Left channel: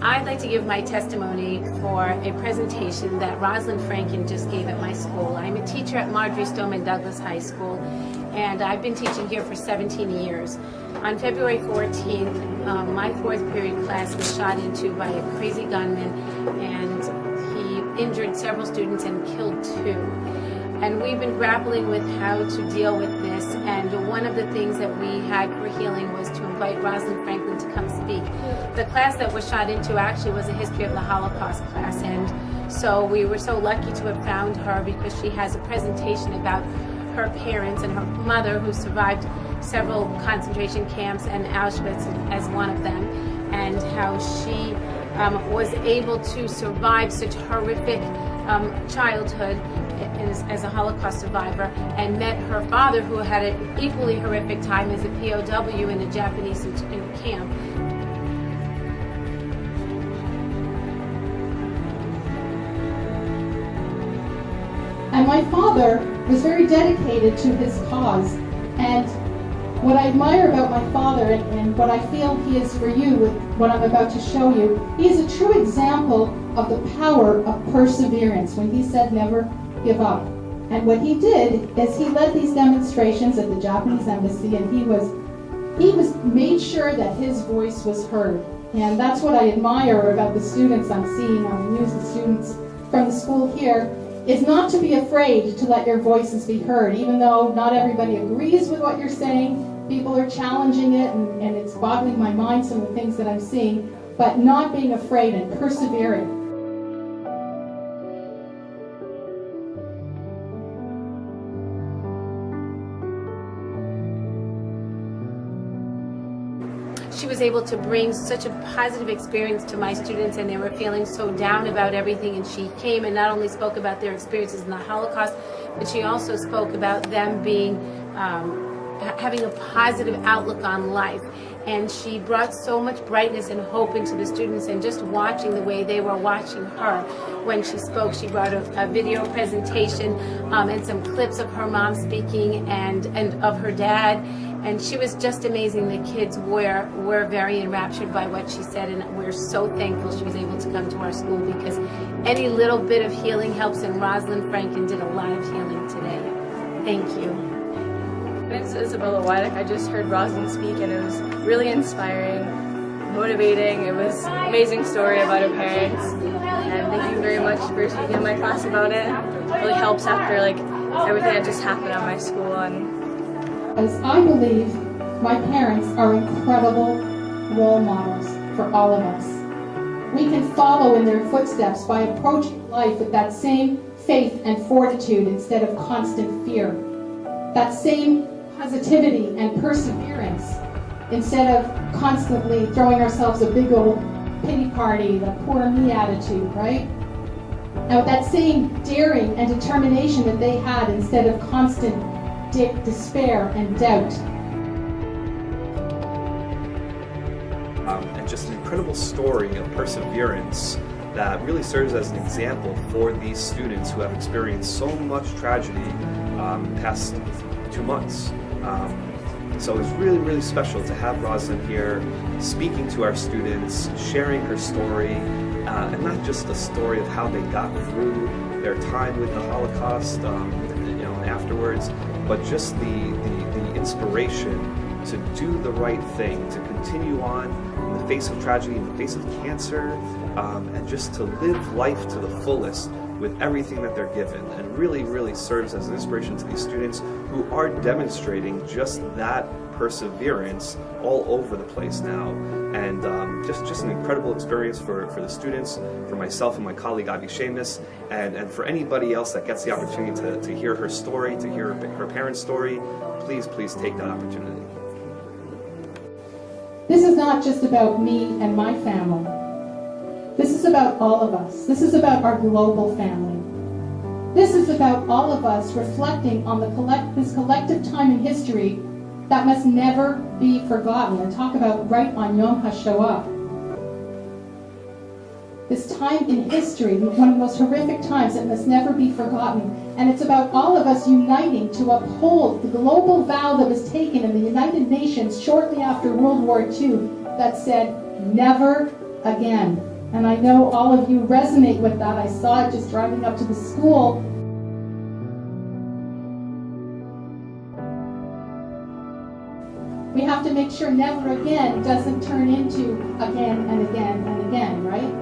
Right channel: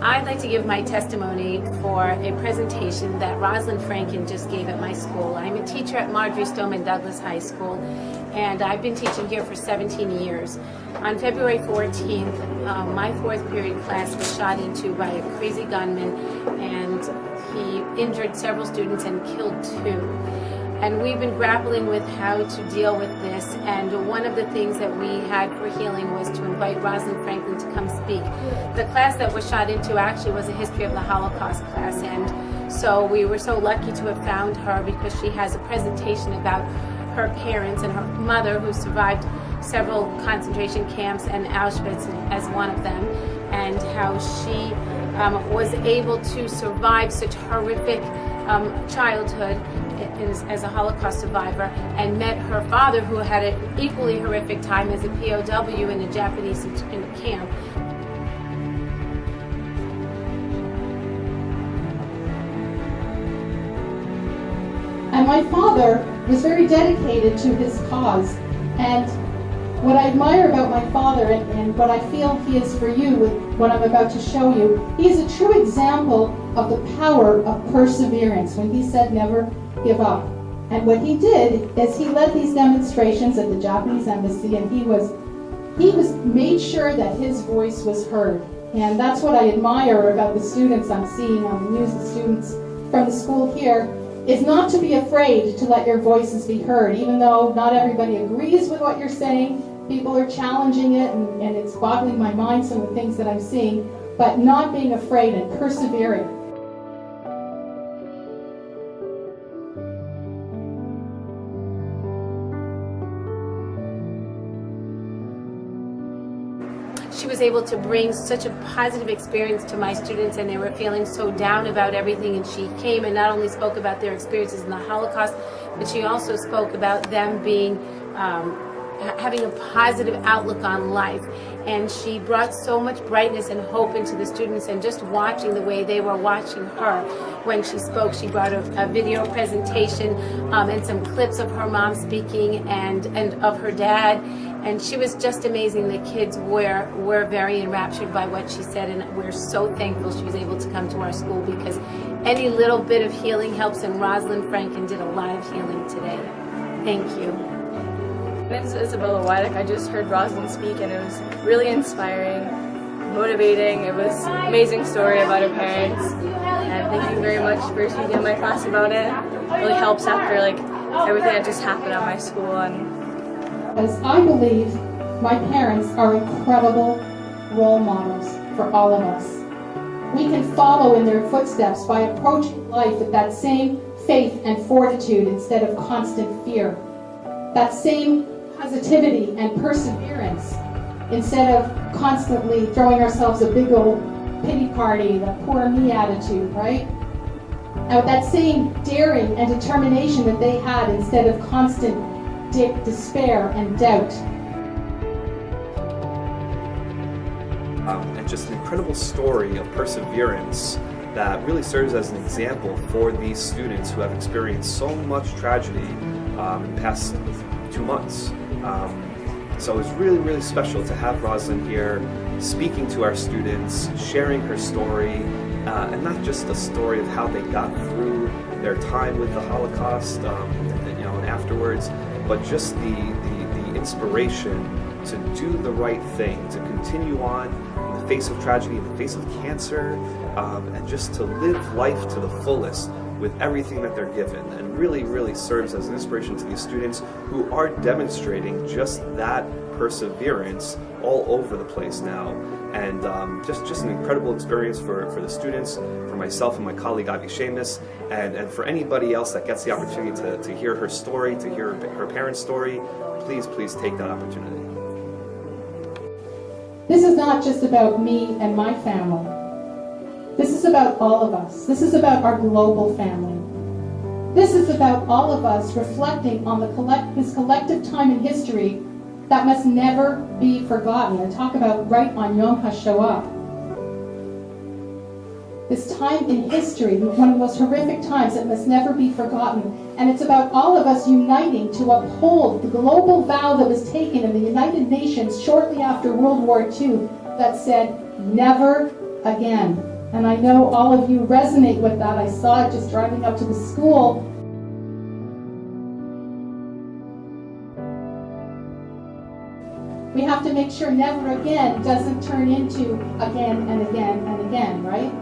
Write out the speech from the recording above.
I'd like to give my testimony for a presentation that Roslyn Franken just gave at my school. I'm a teacher at Marjory Stoneman Douglas High School, and I've been teaching here for 17 years. On February 14th, my fourth period class was shot into by a crazy gunman, and he injured several students and killed 2. And we've been grappling with how to deal with this, and one of the things that we had for healing was to invite Roslyn Franken to come speak. The class that was shot into actually was a history of the Holocaust class, and so we were so lucky to have found her because she has a presentation about her parents and her mother, who survived several concentration camps and Auschwitz as one of them, and how she was able to survive such horrific childhood as a Holocaust survivor, and met her father, who had an equally horrific time as a POW in a Japanese camp. And my father was very dedicated to his cause. And what I admire about my father, and what I feel he is for you with what I'm about to show you, he is a true example of the power of perseverance when he said never give up. And what he did is he led these demonstrations at the Japanese embassy, and he made sure that his voice was heard. And that's what I admire about the students I'm seeing on the news, the students from the school here, is not to be afraid to let your voices be heard, even though not everybody agrees with what you're saying. People are challenging it, and it's boggling my mind, some of the things that I'm seeing, but not being afraid and persevering. She was able to bring such a positive experience to my students, and they were feeling so down about everything, and she came and not only spoke about their experiences in the Holocaust, but she also spoke about them being having a positive outlook on life. And she brought so much brightness and hope into the students, and just watching the way they were watching her when she spoke. She brought a video presentation and some clips of her mom speaking and of her dad, and she was just amazing. The kids were very enraptured by what she said, and we're so thankful she was able to come to our school, because any little bit of healing helps, and Roslyn Franken did a lot of healing today. Thank you. My name is Isabella Wydick. I just heard Roslyn speak, and it was really inspiring, motivating. It was an amazing story about her parents, and thank you very much for speaking in my class about it. It really helps after everything that just happened at my school. As I believe my parents are incredible role models for all of us. We can follow in their footsteps by approaching life with that same faith and fortitude instead of constant fear. That same positivity and perseverance instead of constantly throwing ourselves a big old pity party, the poor me attitude, right? And with that same daring and determination that they had instead of constant despair and doubt. And just an incredible story of perseverance that really serves as an example for these students who have experienced so much tragedy in the past 2 months. So it was really, really special to have Roslyn here speaking to our students, sharing her story, and not just a story of how they got through their time with the Holocaust, and afterwards, but just the inspiration to do the right thing, to continue on in the face of tragedy, in the face of cancer, and just to live life to the fullest with everything that they're given, and really, really serves as an inspiration to these students who are demonstrating just that perseverance all over the place now. And just an incredible experience for the students, for myself and my colleague Ivy Seamus, and for anybody else that gets the opportunity to hear her story, to hear her parents' story. Please take that opportunity. This is not just about me and my family. This is about all of us. This is about our global family. This is about all of us reflecting on this collective time in history that must never be forgotten. And talk about right on Yom HaShoah. This time in history, one of the most horrific times that must never be forgotten. And it's about all of us uniting to uphold the global vow that was taken in the United Nations shortly after World War II that said, never again. And I know all of you resonate with that. I saw it just driving up to the school. We have to make sure never again doesn't turn into again and again and again, right?